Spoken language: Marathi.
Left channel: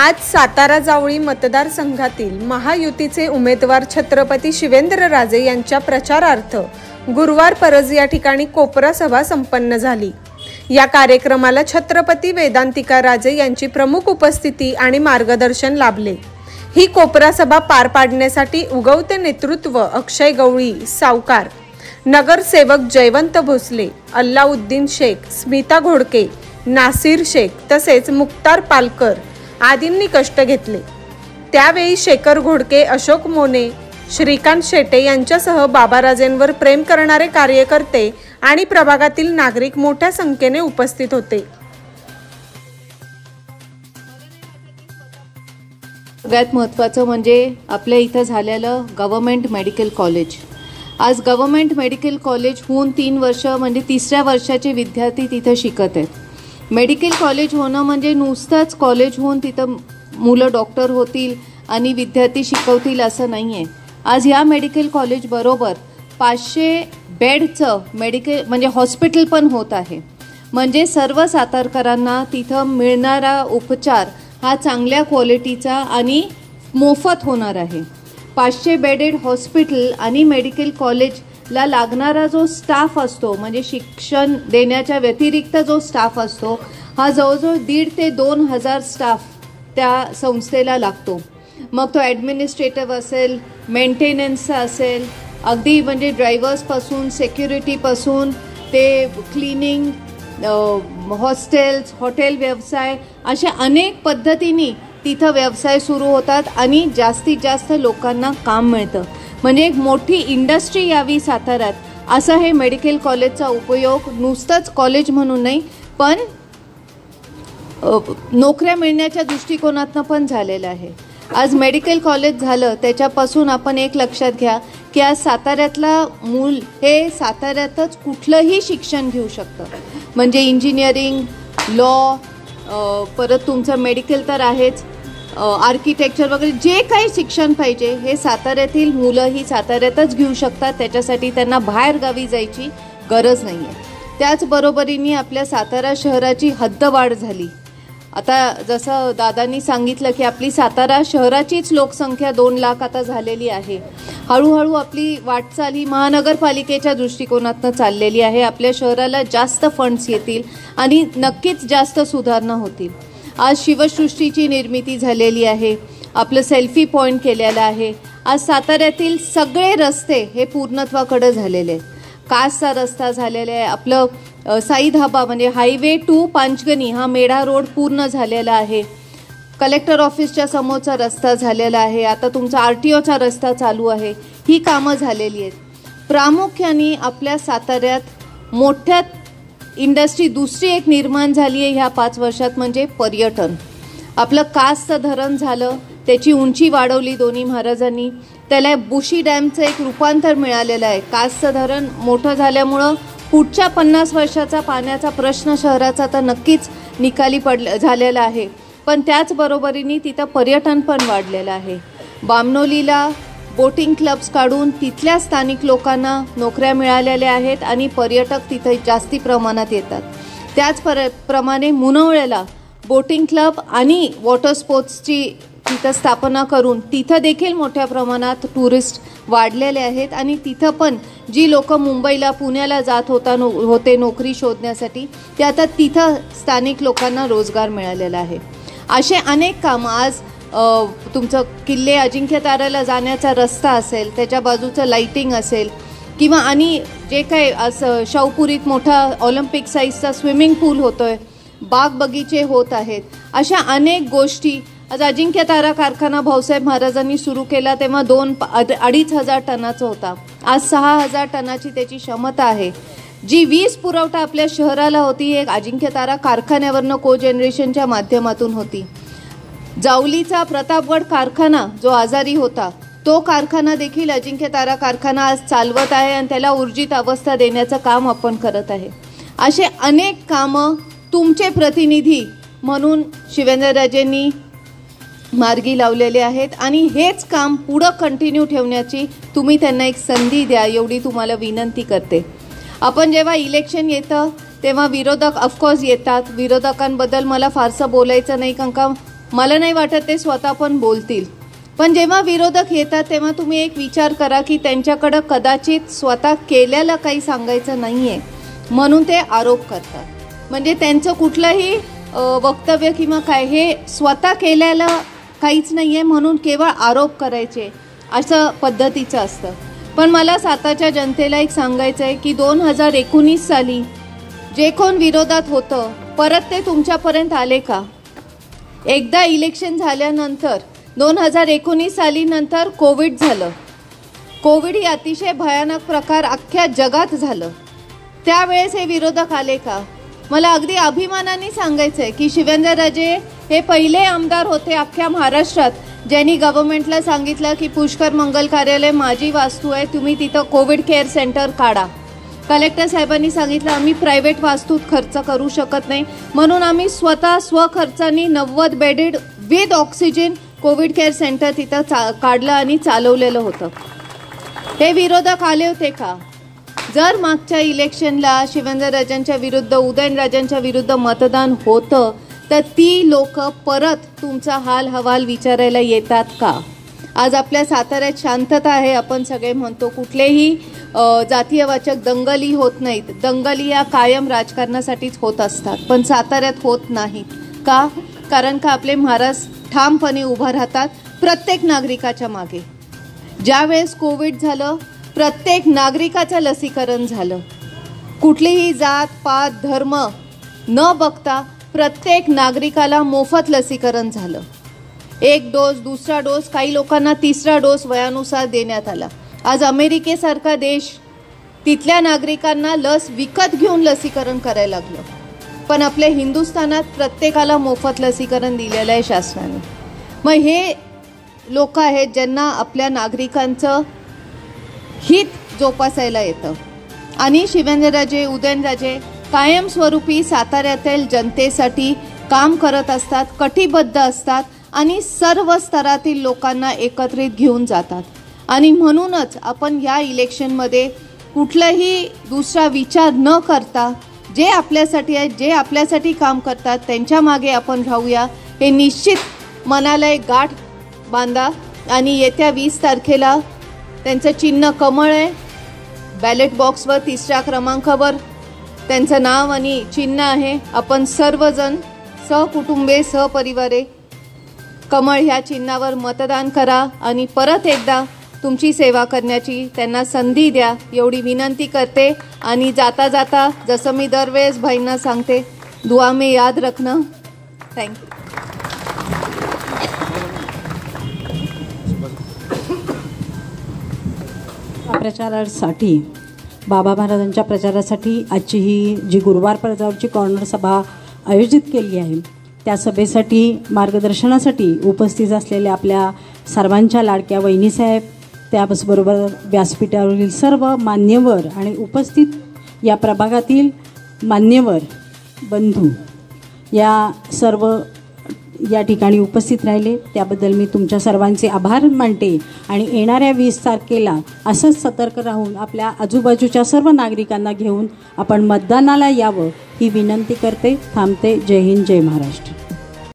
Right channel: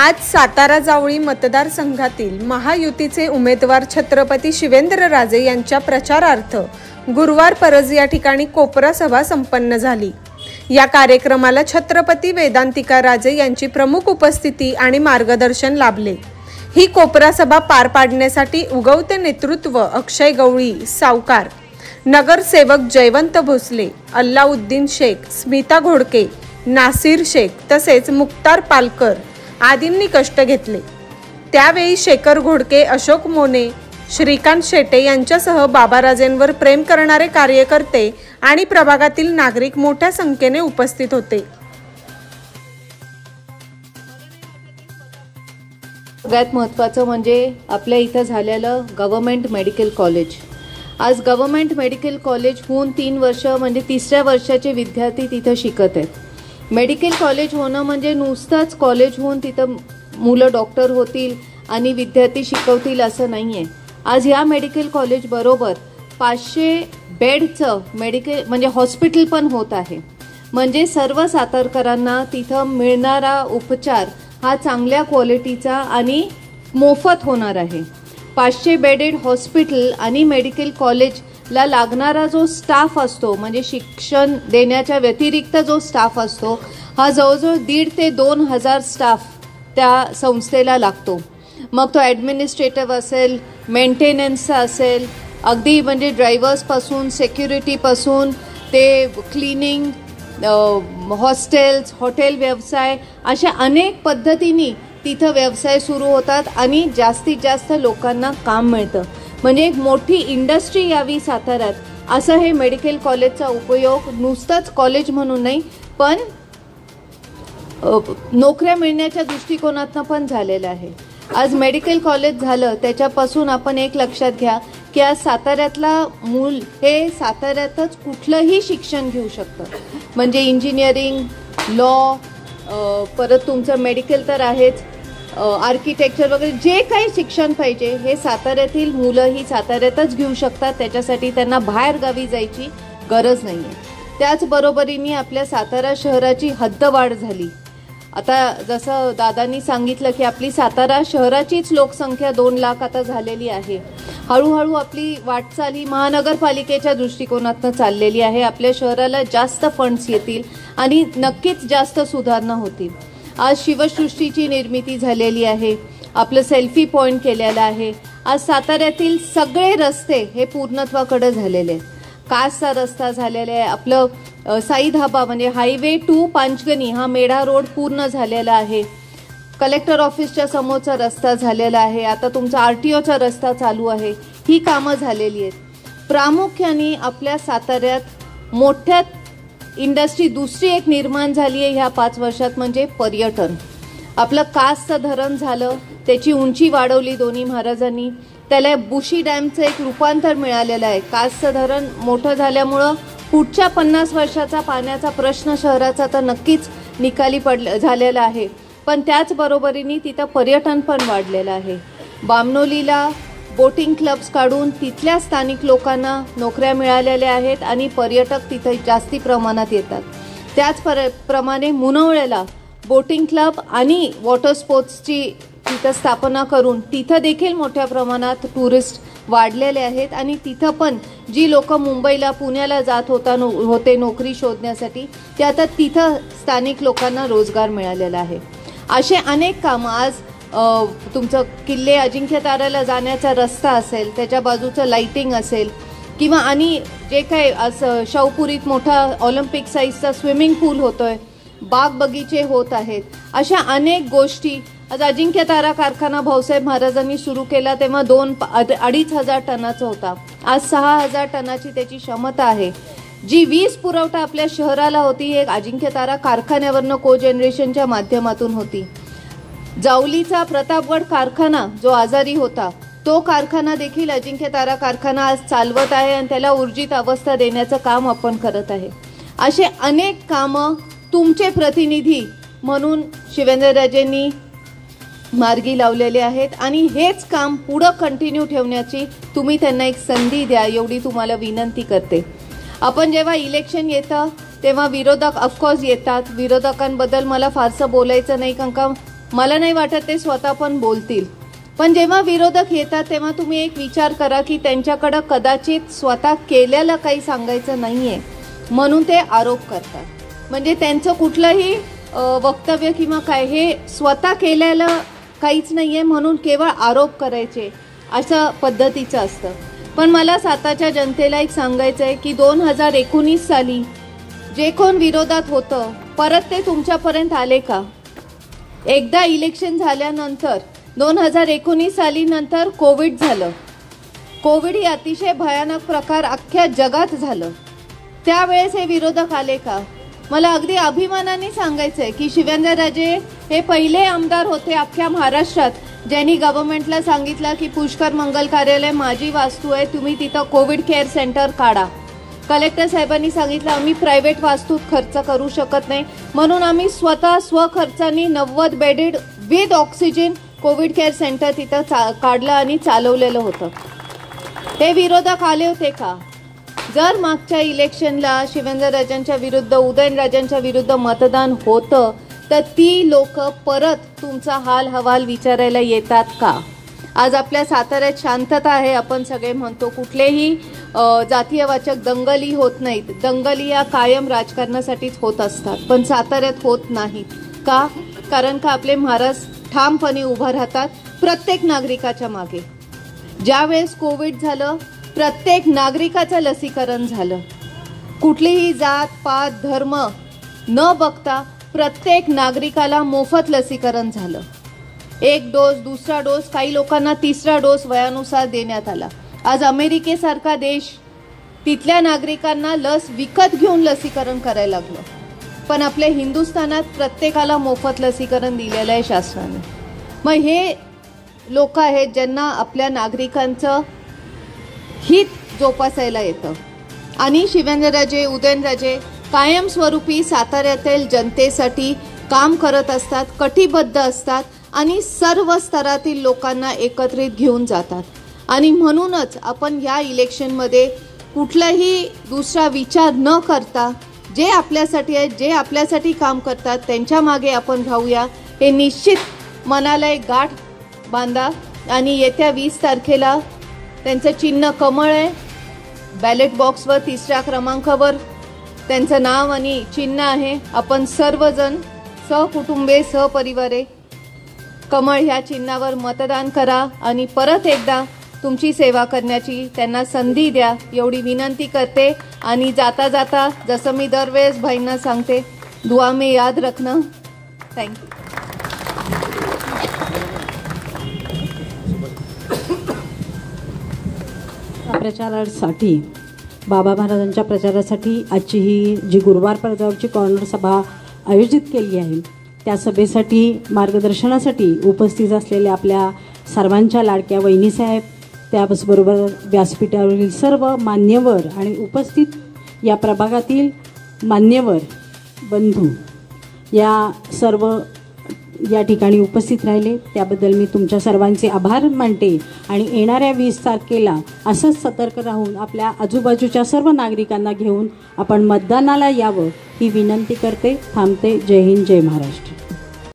आज सातारा जावळी मतदारसंघातील महायुतीचे उमेदवार छत्रपती शिवेंद्रराजे यांच्या प्रचारार्थ गुरुवार परज या ठिकाणी कोपरा सभा संपन्न झाली। या कार्यक्रमाला छत्रपती वेदांतिका राजे यांची प्रमुख उपस्थिती आणि मार्गदर्शन लाभले। ही कोपरा सभा पार पाडण्यासाठी उगवते नेतृत्व अक्षय गवळी सावकार, नगरसेवक जयवंत भोसले, अल्लाउद्दीन शेख, स्मिता घोडके, नासिर शेख तसेच मुक्तार पालकर आदींनी कष्ट घेतले। त्यावेळी शेखर घोडके, अशोक मोने, श्रीकांत शेटे यांच्यासह बाबाराजेंवर प्रेम करणारे कार्यकर्ते आणि प्रभागातील नागरिक मोठ्या संख्येने उपस्थित होते। सगळ्यात महत्त्वाचं म्हणजे आपल्या इथं झालेलं गव्हर्नमेंट मेडिकल कॉलेज। आज गव्हर्नमेंट मेडिकल कॉलेज होऊन 3 वर्ष म्हणजे 3ऱ्या वर्षाचे विद्यार्थी तिथं शिकत आहेत। मेडिकल कॉलेज होणं म्हणजे नुसतंच कॉलेज होऊन तिथं मुलं डॉक्टर होतील आणि विद्यार्थी शिकवतील असं नाहीये। आज या मेडिकल कॉलेज बरोबर 500 बेडचं मेडिकल म्हणजे हॉस्पिटल पण होत आहे। म्हणजे सर्व सातारकरांना तिथं मिळणारा उपचार हा चांगल्या क्वालिटीचा आणि मोफत होणार आहे। 500 बेडेड हॉस्पिटल आणि मेडिकल कॉलेजला लागणारा जो स्टाफ असतो म्हणजे शिक्षण देण्याच्या व्यतिरिक्त जो स्टाफ असतो हा जवळजवळ 1,500 ते 2,000 स्टाफ त्या संस्थेला लागतो। मग तो ॲडमिनिस्ट्रेटिव्ह असेल, मेंटेनन्सचा असेल, अगदी म्हणजे ड्रायव्हर्सपासून सेक्युरिटीपासून ते क्लिनिंग, हॉस्टेल्स, हॉटेल व्यवसाय अशा अनेक पद्धतीने तिथं व्यवसाय सुरू होतात आणि जास्तीत जास्त लोकांना काम मिळतं। म्हणजे एक मोठी इंडस्ट्री यावी साताऱ्यात असा हे मेडिकल कॉलेजचा उपयोग नुसतंच कॉलेज म्हणून नाही पण नोकऱ्या मिळण्याच्या दृष्टिकोनातून पण झालेलं आहे। आज मेडिकल कॉलेज झालं त्याच्यापासून आपण एक लक्षात घ्या की आज साताऱ्यातला मूल हे साताऱ्यातच कुठलंही शिक्षण घेऊ शकतं। म्हणजे इंजिनिअरिंग, लॉ, परत तुमचं मेडिकल तर आहेच, आर्किटेक्चर वगैरे जे काही शिक्षण पाहिजे हे साताऱ्यातील मुलं ही साताऱ्यातच घेऊ शकतात। त्याच्यासाठी त्यांना बाहेर गावी जायची गरज नाही आहे। त्याचबरोबरीने आपल्या सातारा शहराची हद्दवाढ झाली। आता जसं दादांनी सांगितलं की आपली सातारा शहराचीच लोकसंख्या 2 लाख आता झालेली आहे। हळूहळू आपली वाटचाल ही महानगरपालिकेच्या दृष्टिकोनातून चाललेली आहे। आपल्या शहराला जास्त फंड्स येतील आणि नक्कीच जास्त सुधारणा होतील। आज शिवसृष्टीची निर्मिती झालेली आहे, आपलं सेल्फी पॉइंट केलेलं आहे। आज साताऱ्यातील सगळे रस्ते हे पूर्णत्वाकडे झालेले आहेत। कासचा रस्ता झालेला आहे, आपलं साई धाबा म्हणजे हायवे टू पांचगणी हा मेढा रोड पूर्ण झालेला आहे। कलेक्टर ऑफिसच्या समोरचा रस्ता झालेला आहे, आता तुमचा आरटीओचा रस्ता चालू आहे। ही कामं झालेली आहेत। प्रामुख्याने आपल्या साताऱ्यात मोठ्या इंडस्ट्री दुसरी एक निर्माण झाली आहे ह्या 5 वर्षात म्हणजे पर्यटन। आपलं कासचं धरण झालं, त्याची उंची वाढवली दोन्ही महाराजांनी, त्याला बुशी डॅमचं एक रूपांतर मिळालेलं आहे। कासचं धरण मोठं झाल्यामुळं पुढच्या 50 वर्षाचा पाण्याचा प्रश्न शहराचा तर नक्कीच निकाली झालेला आहे, पण त्याचबरोबरीने तिथं पर्यटन पण वाढलेलं आहे। बामनोलीला बोटिंग क्लब्स काढून तिथल्या स्थानिक लोकांना नोकऱ्या मिळालेल्या आहेत आणि पर्यटक तिथे जास्ती प्रमाणात येतात। त्याचप्रमाणे मुनवळ्याला बोटिंग क्लब आणि वॉटर स्पोर्ट्सची तिथं स्थापना करून तिथं देखील मोठ्या प्रमाणात टुरिस्ट वाढलेले आहेत आणि तिथं पण जी लोक मुंबईला पुण्याला जात होते नोकरी शोधण्यासाठी ते आता तिथं स्थानिक लोकांना रोजगार मिळालेला आहे। असे अनेक कामं आज तुमचं किल्ले अजिंक्यताऱ्याला जाण्याचा रस्ता असेल, त्याच्या बाजूचं लाइटिंग असेल किंवा आणि जे काही असं शाहूपुरीत मोठा ऑलिम्पिक साईजचा स्विमिंग पूल होतोय, बाग बगीचे होत आहेत, अशा अनेक गोष्टी। आज अजिंक्यतारा कारखाना भाऊसाहेब महाराजांनी सुरू केला तेव्हा 2-2.5 टनाचा होता, आज 6,000 टनाची त्याची क्षमता आहे। जी वीज पुरवठा आपल्या शहराला होती एक अजिंक्यतारा कारखान्यावरनं को जनरेशनच्या माध्यमातून होती। जावलीचा प्रतापगड कारखाना जो आजारी होता तो कारखाना देखील अजिंक्यतारा कारखाना आज चालवत आहे आणि त्याला ऊर्जित अवस्था देण्याचं काम आपण करत आहे। असे अनेक कामं तुमचे प्रतिनिधी म्हणून शिवेंद्रराजेंनी मार्गी लावलेले आहेत आणि हेच काम पुढे कंटिन्यू ठेवण्याची तुम्ही त्यांना एक संधी द्या एवढी तुम्हाला विनंती करते। आपण जेव्हा इलेक्शन येतं तेव्हा विरोधक ऑफकोर्स येतात, विरोधकांबद्दल मला फारसं बोलायचं नाही कारण का मला नाही वाटत ते स्वतः पण बोलतील. पण जेव्हा विरोधक येतात तेव्हा तुम्ही एक विचार करा की त्यांच्याकडे कदाचित स्वतः केलेलं काही सांगायचं नाहीये म्हणून ते आरोप करतात. म्हणजे त्यांचं कुठलंही वक्तव्य किंवा काय हे स्वतः केलेलं काहीच नाहीये म्हणून केवळ आरोप करायचे असं पद्धतीचं असतं. पण मला सातारच्या जनतेला एक सांगायचं आहे की 2019 साली जे कोण विरोधात होतं परत ते तुमच्यापर्यंत आले का? एकदा इलेक्शन झाल्यानंतर 2019 साली नंतर कोविड झालं. कोविड ही अतिशय भयानक प्रकार अख्ख्या जगात झालं. त्यावेळेस हे विरोधक आले का? मला अगदी अभिमानाने सांगायचंय की शिवेंद्रराजे हे पहिले आमदार होते अख्ख्या महाराष्ट्रात ज्यांनी गव्हर्नमेंटला सांगितलं की पुष्कर मंगल कार्यालय माझी वास्तू आहे, तुम्ही तिथं कोविड केअर सेंटर काढा. कलेक्टर साहेबांनी सांगितलं आम्ही प्रायव्हेट वास्तूत खर्च करू शकत नाही म्हणून आम्ही स्वतः स्वखर्चाने 90 bedded with oxygen Covid care centre तिथं काढलं आणि चालवलेलं होतं. हे विरोधक आले होते का? जर मागच्या इलेक्शनला शिवेंद्रराजांच्या विरुद्ध उदयनराजांच्या विरुद्ध मतदान होतं तर ती लोक परत तुमचा हाल हवाल विचारायला येतात का? आज आपल्या साताऱ्यात शांतता आहे आपण सगळे म्हणतो, कुठलेही जातीयवाचक दंगली होत नाहीत. दंगली या कायम राजकारणासाठीच होत असतात पण साताऱ्यात होत नाहीत का? कारण का आपले महाराज ठामपणे उभं राहतात प्रत्येक नागरिकाच्या मागे. ज्यावेळेस कोविड झालं प्रत्येक नागरिकाचं लसीकरण झालं. कुठलीही जात पात धर्म न बघता प्रत्येक नागरिकाला मोफत लसीकरण झालं. 1 डोस, दुसरा डोस, काही लोकांना 3रा डोस वयानुसार देण्यात आला. आज अमेरिकेसारखा देश तिथल्या नागरिकांना लस विकत घेऊन लसीकरण करायला लागलं. पण आपल्या हिंदुस्थानात प्रत्येकाला मोफत लसीकरण दिलेलं आहे शासनाने. मग हे लोक आहेत ज्यांना आपल्या नागरिकांचं हित जोपासायला येतं. आणि शिवेंद्रराजे उदयनराजे कायमस्वरूपी साताऱ्यातील जनतेसाठी काम करत असतात, कटिबद्ध असतात आणि सर्व स्तरातील लोकांना एकत्रित घेऊन जातात. आणि म्हणूनच आपण या इलेक्शनमध्ये कुठलाही दुसरा विचार न करता जे आपल्यासाठी आहेत, जे आपल्यासाठी काम करतात त्यांच्या मागे आपण राहूया. हे निश्चित मनाला एक गाठ बांधा. आणि येत्या 20 तारखेला त्यांचं चिन्ह कमळ आहे. बॅलेट बॉक्सवर 3ऱ्या क्रमांकावर त्यांचं नाव आणि चिन्ह आहे. आपण सर्वजण सहकुटुंबे सहपरिवारे कमळ ह्या चिन्हावर मतदान करा आणि परत एकदा तुमची सेवा करण्याची त्यांना संधी द्या एवढी विनंती करते. आणि जाता जाता जसं मी दरवेळेस भाईंना सांगते, दुआ में याद रखना. थँक्यू. प्रचारासाठी बाबा महाराजांच्या प्रचारासाठी आजची ही जी गुरुवार पडद्यावरची कॉर्नर सभा आयोजित केली आहे त्या सभेसाठी मार्गदर्शनासाठी उपस्थित असलेल्या आपल्या सर्वांच्या लाडक्या वहिनीसाहेब, त्याचबरोबर व्यासपीठावरील सर्व मान्यवर आणि उपस्थित या प्रभागातील मान्यवर बंधू या सर्व या ठिकाणी उपस्थित राहिले त्याबद्दल मी तुमच्या सर्वांचे आभार मानते. आणि येणाऱ्या 20 तारखेला असंच सतर्क राहून आपल्या आजूबाजूच्या सर्व नागरिकांना घेऊन आपण मतदानाला यावं ही विनंती करते. थांबते. जय हिंद, जय महाराष्ट्र.